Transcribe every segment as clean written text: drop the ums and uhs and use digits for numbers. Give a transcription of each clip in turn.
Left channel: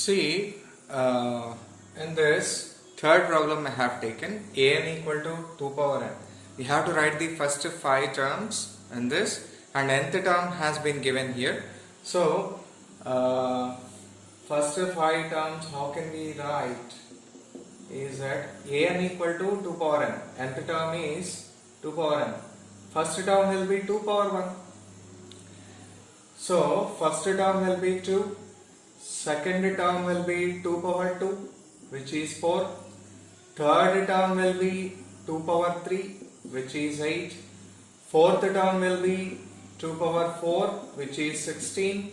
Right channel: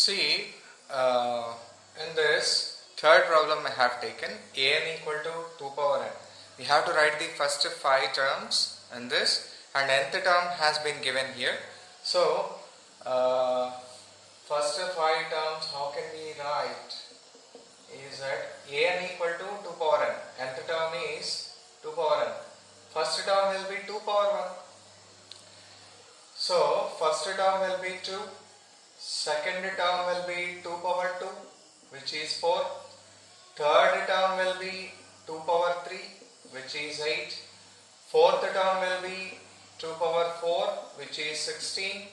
See, in this third problem I have taken an equal to 2 power n. We have to write the first 5 terms in this, and nth term has been given here. So, first 5 terms, how can we write? Is that an equal to 2 power n. Nth term is 2 power n. First term will be 2 power 1. So, first term will be 2. Second term will be 2 power 2, which is 4. Third term will be 2 power 3, which is 8. Fourth term will be 2 power 4, which is 16.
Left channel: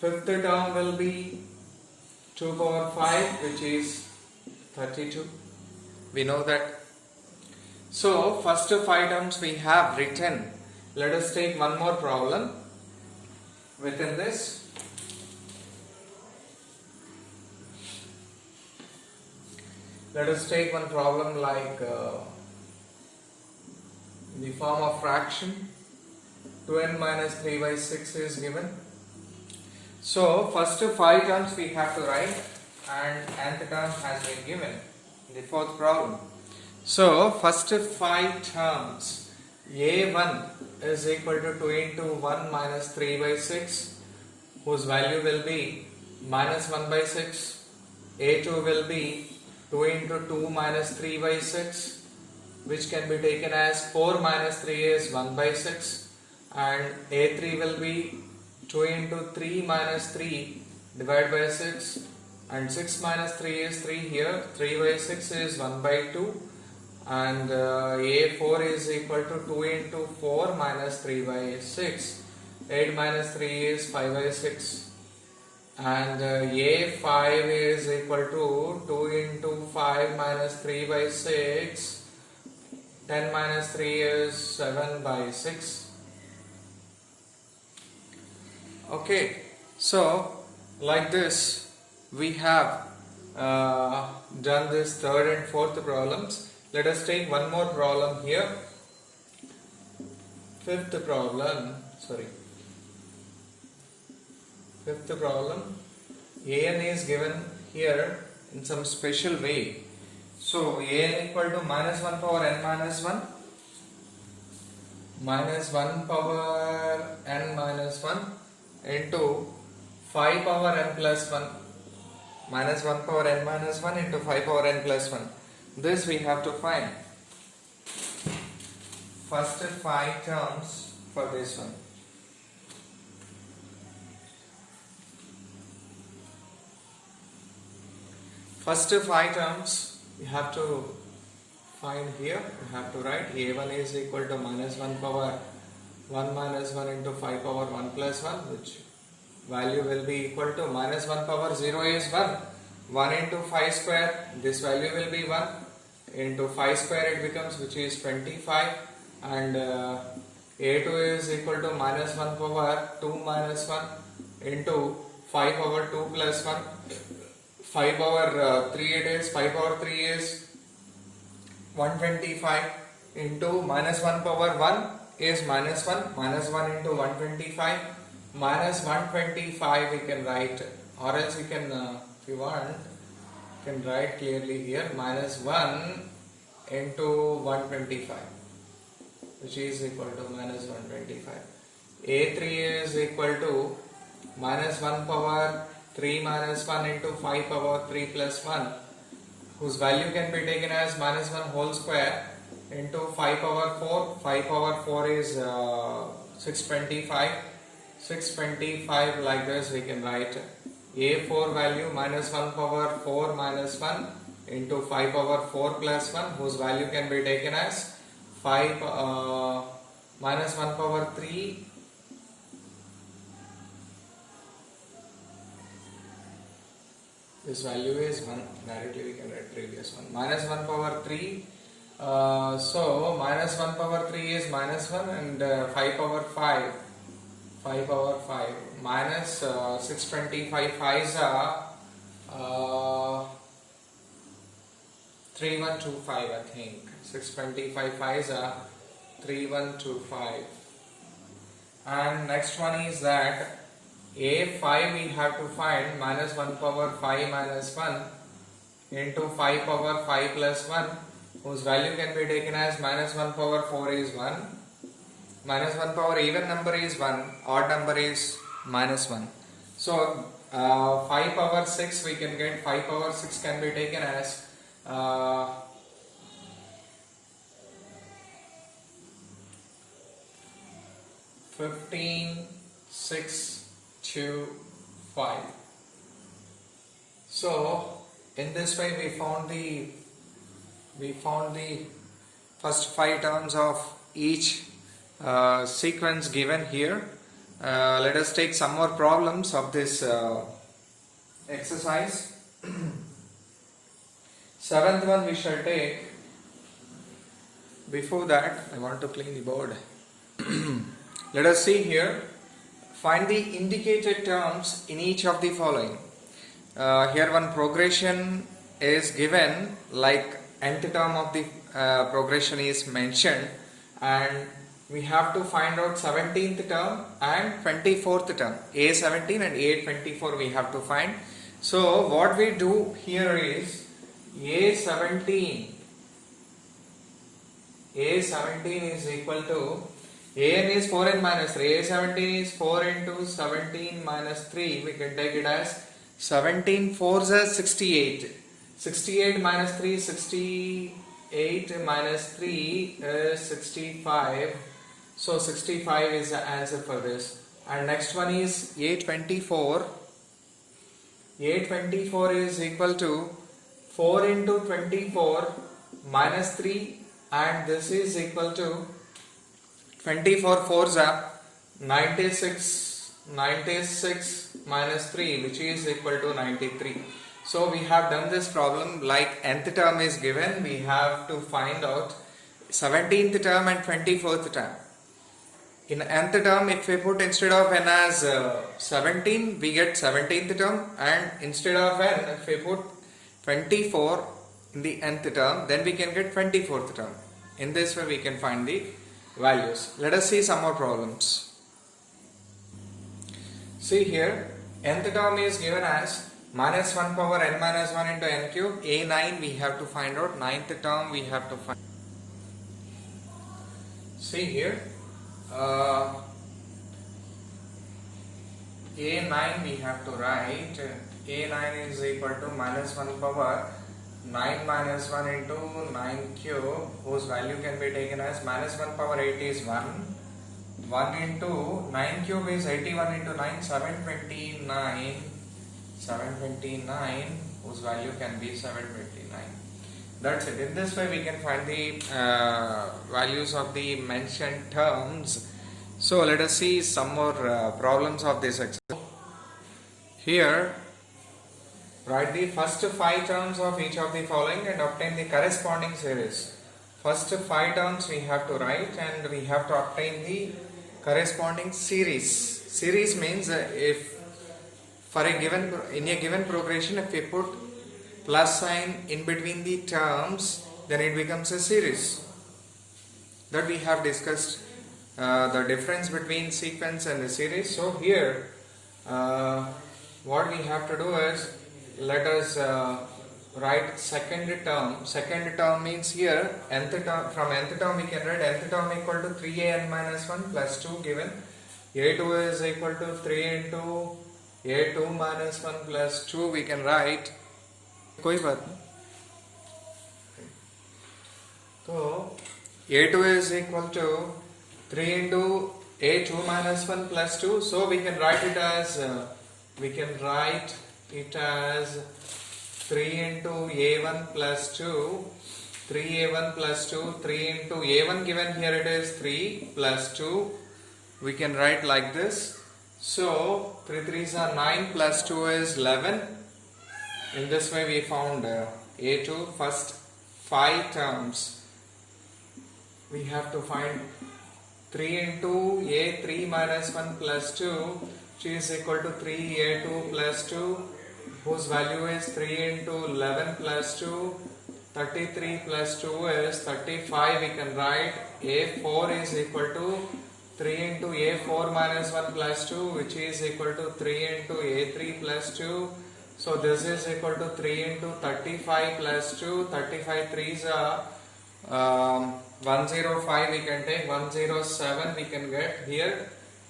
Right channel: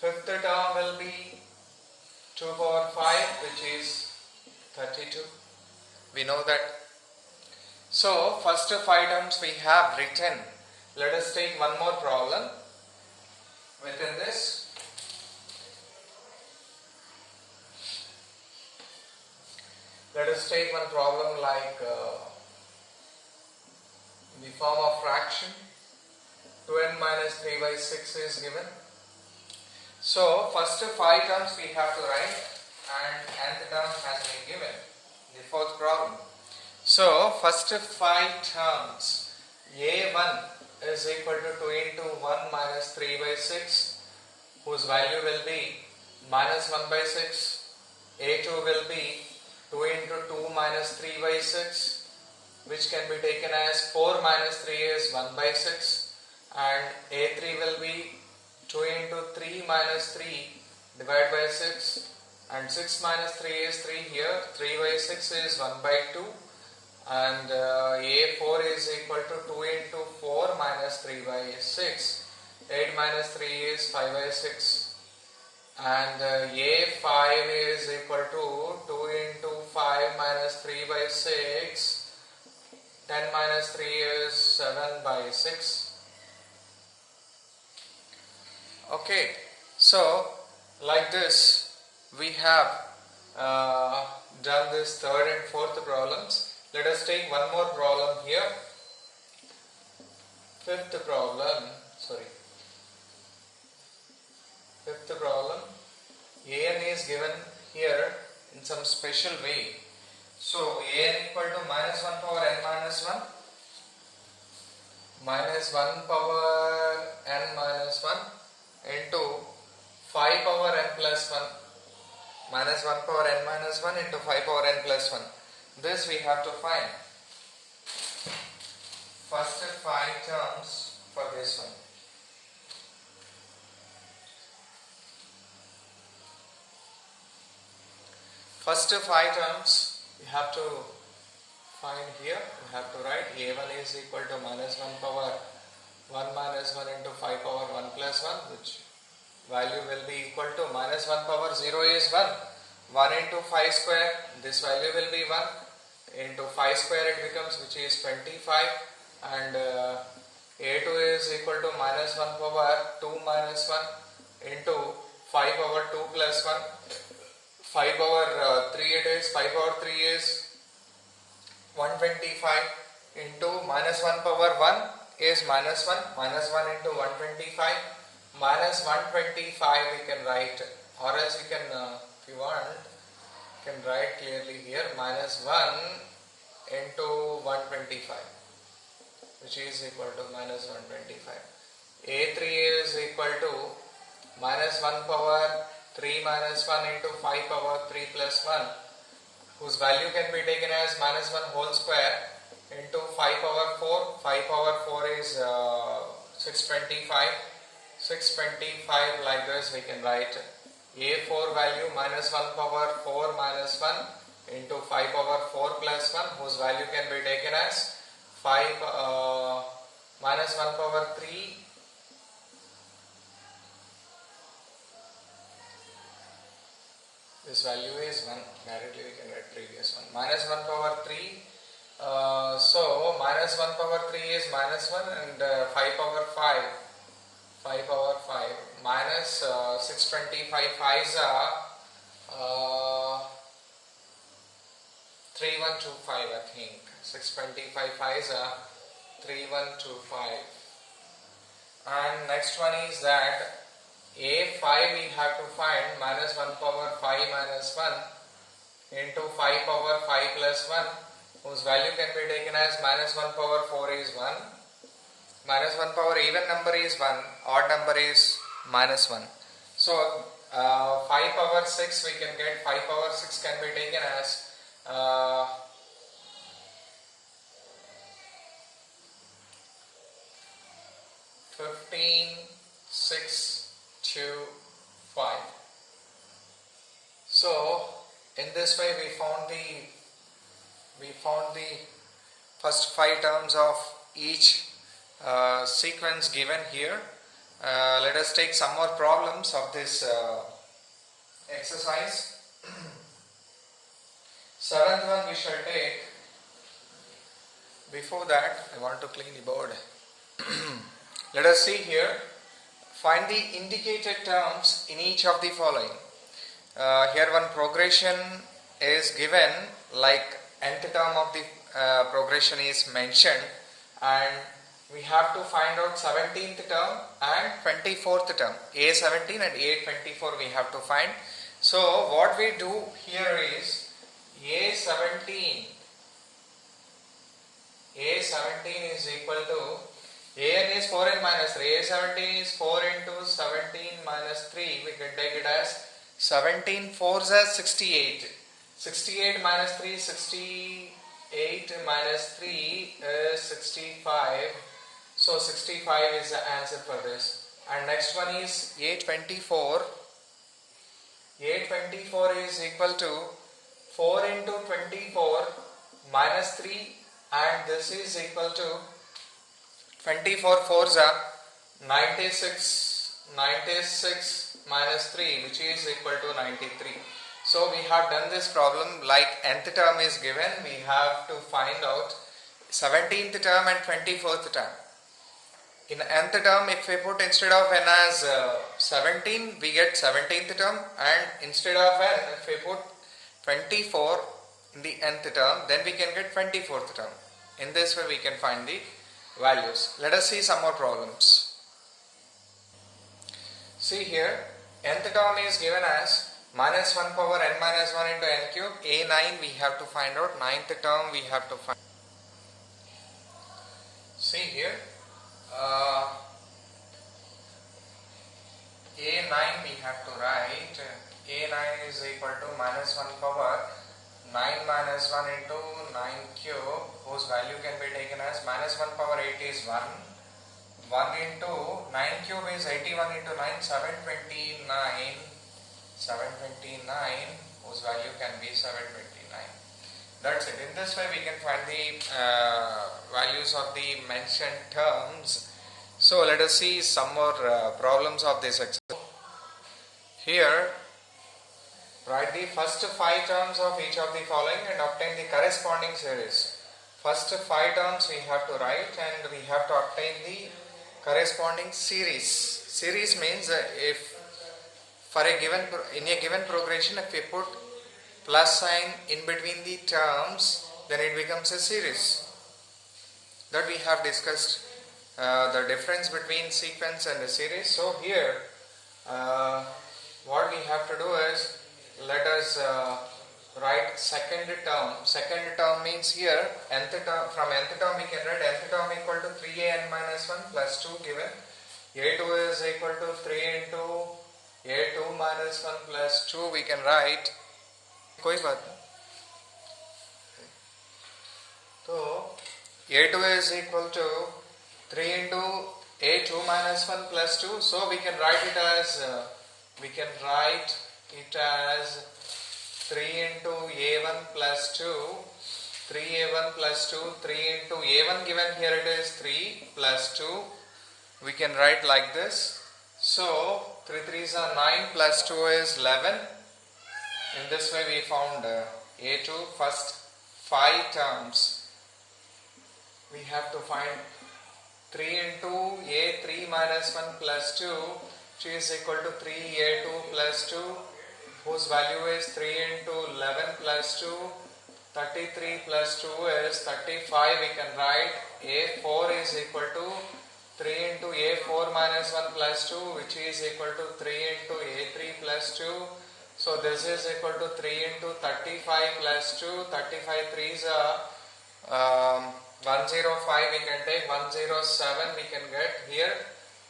Fifth term will be 2 power 5, which is 32. We know that. So, first 5 terms we have written. Let us take one more problem within this. Let us take one problem like the form of fraction 2n minus 3 by 6 is given. So, first 5 terms we have to write, and nth term has been given in the fourth problem. So, first 5 terms, a1 is equal to 2 into 1 minus 3 by 6, whose value will be minus 1 by 6. a2 will be 2 into 2 minus 3 by 6, which can be taken as 4 minus 3 is 1 by 6, and a3 will be 2 into 3 minus 3 divided by 6, and 6 minus 3 is 3 here, 3 by 6 is 1 by 2, and a4 is equal to 2 into 4 minus 3 by 6, 8 minus 3 is 5 by 6. And a5 is equal to 2 into 5 minus 3 by 6, 10 minus 3 is 7 by 6. Okay, so like this we have done this third and fourth problems. Let us take one more problem here. Fifth problem, an is given here in some special way. So, an equal to minus 1 power n minus 1, minus 1 power n minus 1 into 5 power n plus 1, minus 1 power n minus 1 into 5 power n plus 1. This we have to find. First 5 terms for this one. First 5 terms you have to find here. You have to write a1 is equal to minus 1 power 1 minus 1 into 5 power 1 plus 1, which value will be equal to minus 1 power 0 is 1. 1 into 5 square, this value will be 1. Into 5 square it becomes, which is 25. And a2 is equal to minus 1 power 2 minus 1 into 5 power 2 plus 1. 5 power 3 it is, 5 power 3 is 125 into minus 1 power 1 is minus 1, minus 1 into 125, minus 125 we can write, or else we can, if you want, you can write clearly here, minus 1 into 125, which is equal to minus 125. a3 is equal to minus 1 power 3 minus 1 into 5 power 3 plus 1, whose value can be taken as minus 1 whole square into 5 power 4. 5 power 4 is 625. 625 like this we can write. a4 value minus 1 power 4 minus 1 into 5 power 4 plus 1, whose value can be taken as 5 minus 1 power 3 this value is 1, directly we can write previous one, minus 1 power 3, so minus 1 power 3 is minus 1, and 5 power 5 minus 625 5s are 3125 I think, 625 5s are 3125, and next one is that A5 we have to find minus 1 power 5 minus 1 into 5 power 5 plus 1, whose value can be taken as minus 1 power 4 is 1, minus 1 power even number is 1, odd number is minus 1. So 5 power 6 we can get, 5 power 6 can be taken as 15, 6, 2, 5. So in this way we found the first 5 terms of each sequence given here. Let us take some more problems of this exercise. Seventh one we shall take. Before that, I want to clean the board. Let us see here. Find the indicated terms in each of the following. Here one progression is given, like nth term of the progression is mentioned, and we have to find out 17th term and 24th term. A17 and A24 we have to find. So what we do here is A17 is equal to, An is 4n minus 3, A17 is 4 into 17 minus 3, we can take it as 17 4s as 68. 68 minus 3 is 68 minus 3 is 65. So 65 is the answer for this. And next one is A24. A24 is equal to 4 into 24 minus 3, and this is equal to 24 4s are 96 minus 3, which is equal to 93. So we have done this problem like nth term is given, we have to find out 17th term and 24th term. In nth term, if we put instead of n as 17, we get 17th term, and instead of n, if we put 24 in the nth term, then we can get 24th term. In this way we can find the values. Let us see some more problems. See here, nth term is given as minus 1 power n minus 1 into n cube. A9 we have to find out, 9th term we have to find. See here, A9 we have to write. A9 is equal to minus 1 power 9 minus 1 into 9 cube, whose value can be taken as minus 1 power 8 is 1. 1 into 9 cube is 81 into 9, 729. 729, whose value can be 729. That's it. In this way we can find the values of the mentioned terms. So let us see some more problems of this exercise. Here, write the first 5 terms of each of the following and obtain the corresponding series. First 5 terms we have to write, and we have to obtain the corresponding series. Series means if for a given, in a given progression, if we put plus sign in between the terms, then it becomes a series. That we have discussed the difference between sequence and a series. So here what we have to do is, let us write second term. Second term means here nth term, from nth term we can write nth term equal to 3an minus 1 plus 2 given. A2 is equal to 3 into A2 minus 1 plus 2 we can write. कोई बात नहीं. So A2 is equal to 3 into A2 minus 1 plus 2. So we can write it as 3 into A1 plus 2. 3A1 plus 2. 3 into A1 given here it is 3 plus 2. We can write like this. So 3 3s are 9 plus 2 is 11. In this way we found A2 first 5 terms. We have to find 3 into A3 minus 1 plus 2, which is equal to 3A2 plus 2, whose value is 3 into 11 plus 2. 33 plus 2 is 35. We can write A4 is equal to 3 into a4 minus 1 plus 2, which is equal to 3 into a3 plus 2. So this is equal to 3 into 35 plus 2. 35 3s are 105, we can take 107, we can get here.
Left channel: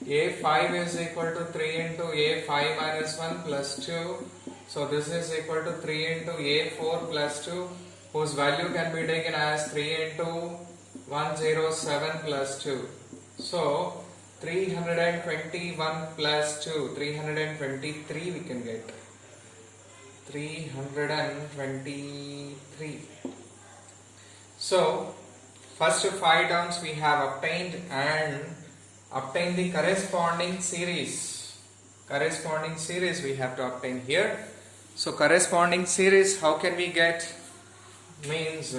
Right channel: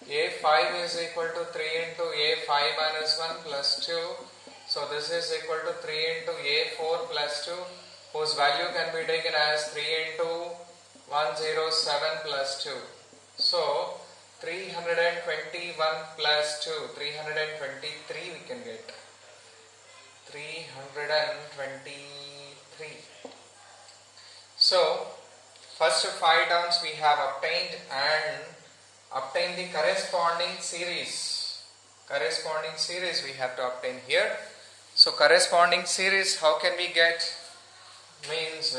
A5 is equal to 3 into a5 minus 1 plus 2. So this is equal to 3 into a4 plus 2, whose value can be taken as 3 into 107 plus 2. So 321 plus 2, 323 we can get. 323. So first 5 terms we have obtained, and obtain the corresponding series. Corresponding series we have to obtain here. So corresponding series, how can we get? Means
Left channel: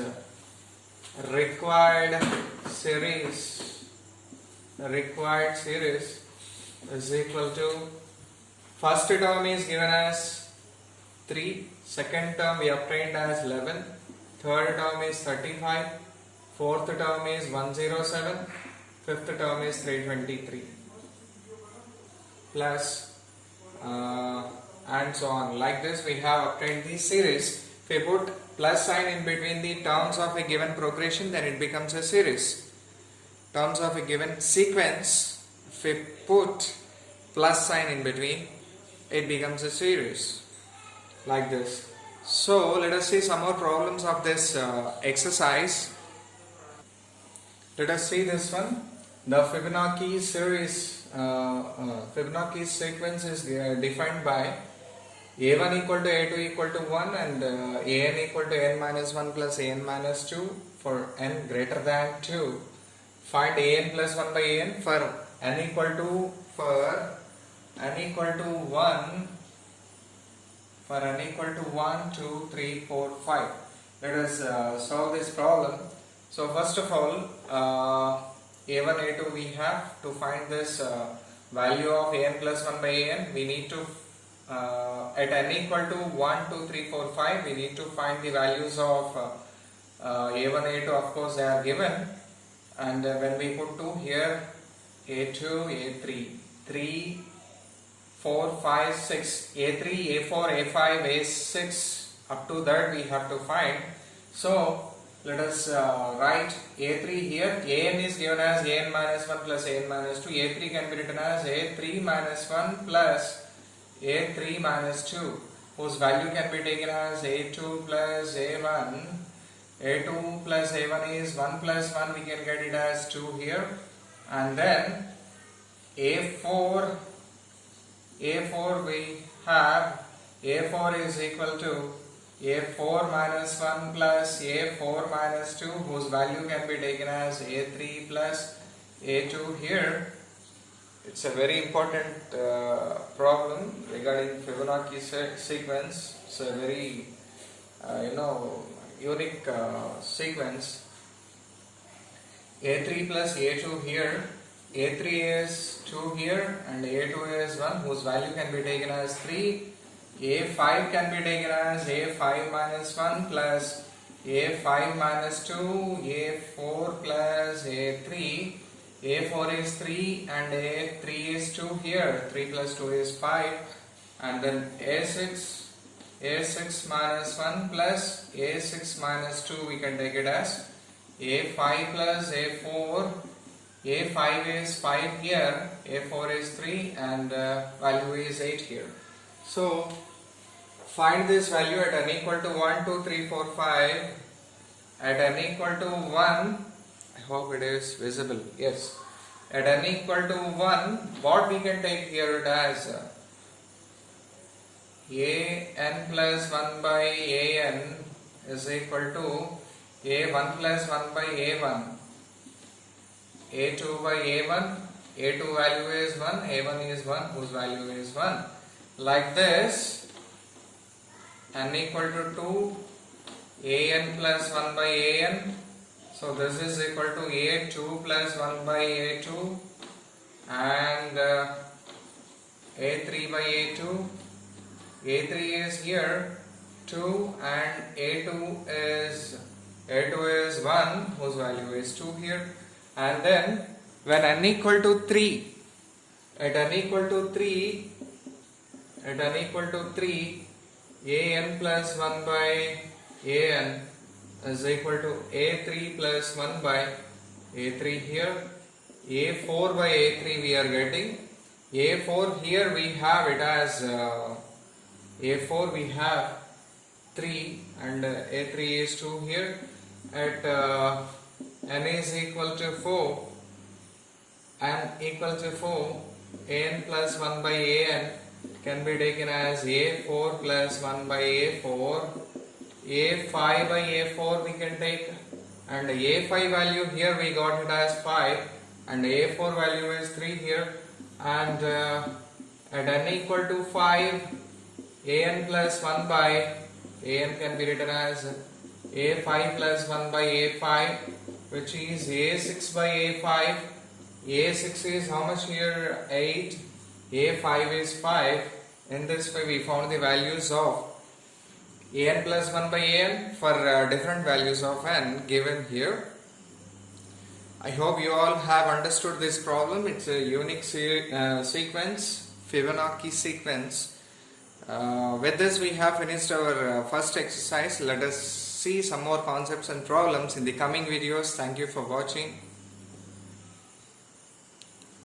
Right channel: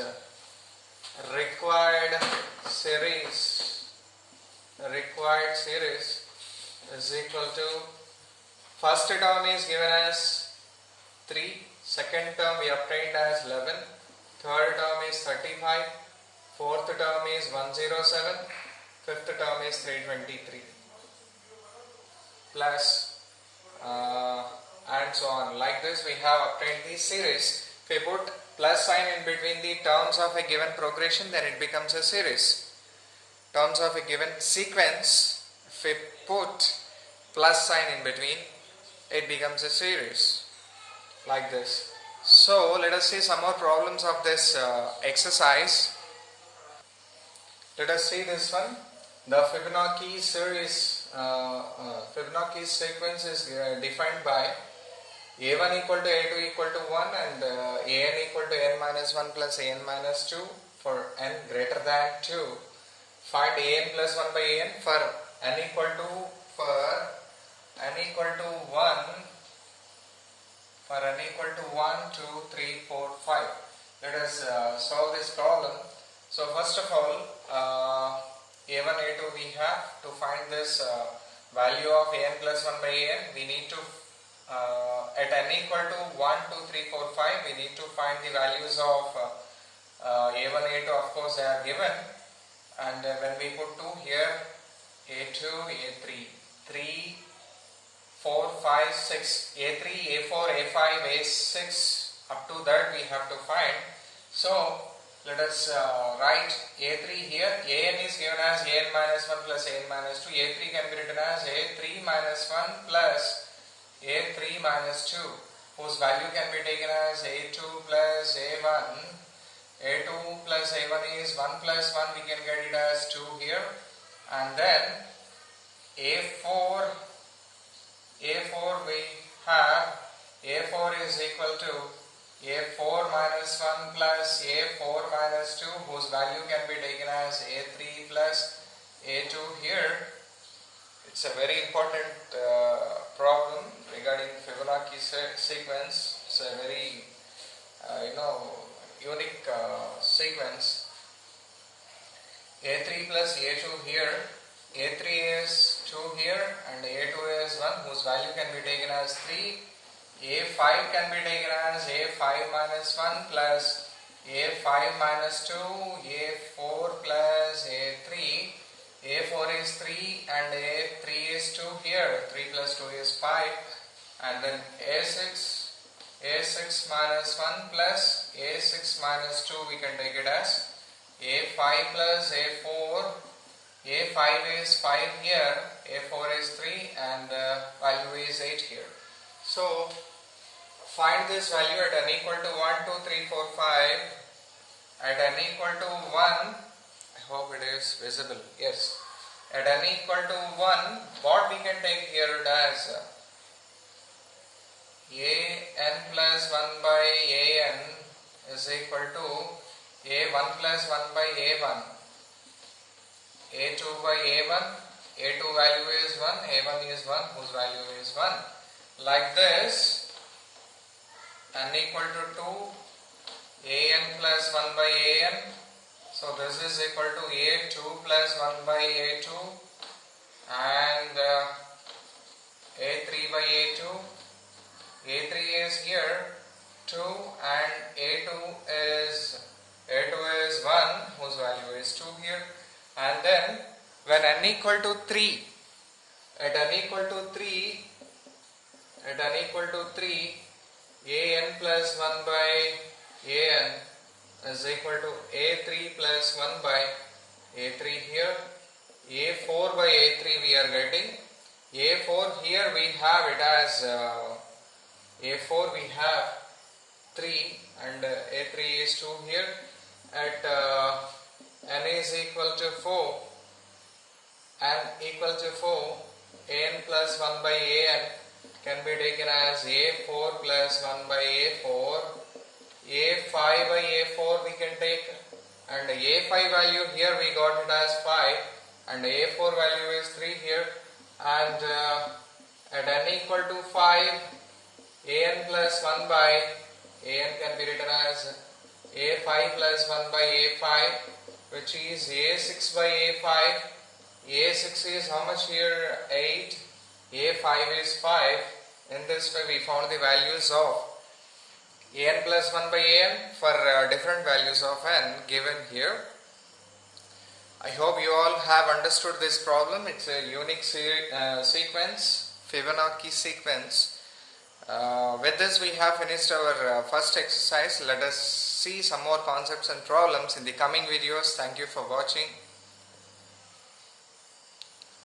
required series is equal to, first term is given as 3, second term we obtained as 11, third term is 35, fourth term is 107, fifth term is 323, plus and so on. Like this we have obtained the series. If we put plus sign in between the terms of a given progression, then it becomes a series. Terms of a given sequence, if we put plus sign in between, it becomes a series. Like this. So let us see some more problems of this exercise. Let us see this one. The Fibonacci series, Fibonacci sequence is defined by a1 equal to a2 equal to 1 and an equal to n minus 1 plus an minus 2 for n greater than 2. Find an plus 1 by an for n equal to 1, for n equal to 1, 2, 3, 4, 5. Let us solve this problem. So first of all, a1, a2 we have to find this value of an plus 1 by an. We need to at n equal to 1, 2, 3, 4, 5, we need to find the values of a1, a2. Of course they are given, and when we put 2 here, a2, a3, 3, 4, 5, 6, a3, a4, a5, a6, up to that we have to find. So let us write a3 here. An is given as an minus 1 plus an minus 2. A3 can be written as a3 minus 1 plus a3 minus 2, whose value can be taken as a2 plus a1. a2 plus a1 is 1 plus 1, we can get it as 2 here. And then a4 we have a4 is equal to a4 minus 1 plus a4 minus 2, whose value can be taken as a3 plus a2 here. It's a very important problem regarding Fibonacci sequence. It's a very unique sequence. a3 plus a2 here. a3 is 2 here and a2 is 1, whose value can be taken as 3. a5 can be taken as a5 minus 1 plus a5 minus 2, a4 plus a3. a4 is 3 and a3 is 2 here. 3 plus 2 is 5. And then a6 minus 1 plus a6 minus 2, we can take it as a5 plus a4. a5 is 5 here, a4 is 3, and the value is 8 here. So find this value at n equal to 1, 2, 3, 4, 5. At n equal to 1, I hope it is visible. Yes. At n equal to 1, what we can take here as an plus 1 by an is equal to a1 plus 1 by a1. a2 by a1, a2 value is 1, a1 is 1, whose value is 1. Like this, n equal to 2, an plus 1 by an. So this is equal to a2 plus 1 by a2 and a3 by a2. a3 is here 2 and a2 is 1, whose value is 2 here. And then when n equal to 3, at n equal to 3, an plus 1 by an is equal to a3 plus 1 by a3 here, a4 by a3 we are getting. A4 here we have it as a4 we have 3 and a3 is 2 here. At n is equal to 4, n equal to 4, an plus 1 by an can be taken as a4 plus 1 by a4, a5 by a4 we can take, and a5 value here we got it as 5 and a4 value is 3 here, and at n equal to 5, an plus 1 by an can be written as a5 plus 1 by a5, which is a6 by a5. a6 is how much here? 8. a5 is 5. In this way we found the values of an plus 1 by an for different values of n given here. I hope you all have understood this problem. It's a unique sequence, Fibonacci sequence. With this we have finished our first exercise. Let us see some more concepts and problems in the coming videos. Thank you for watching.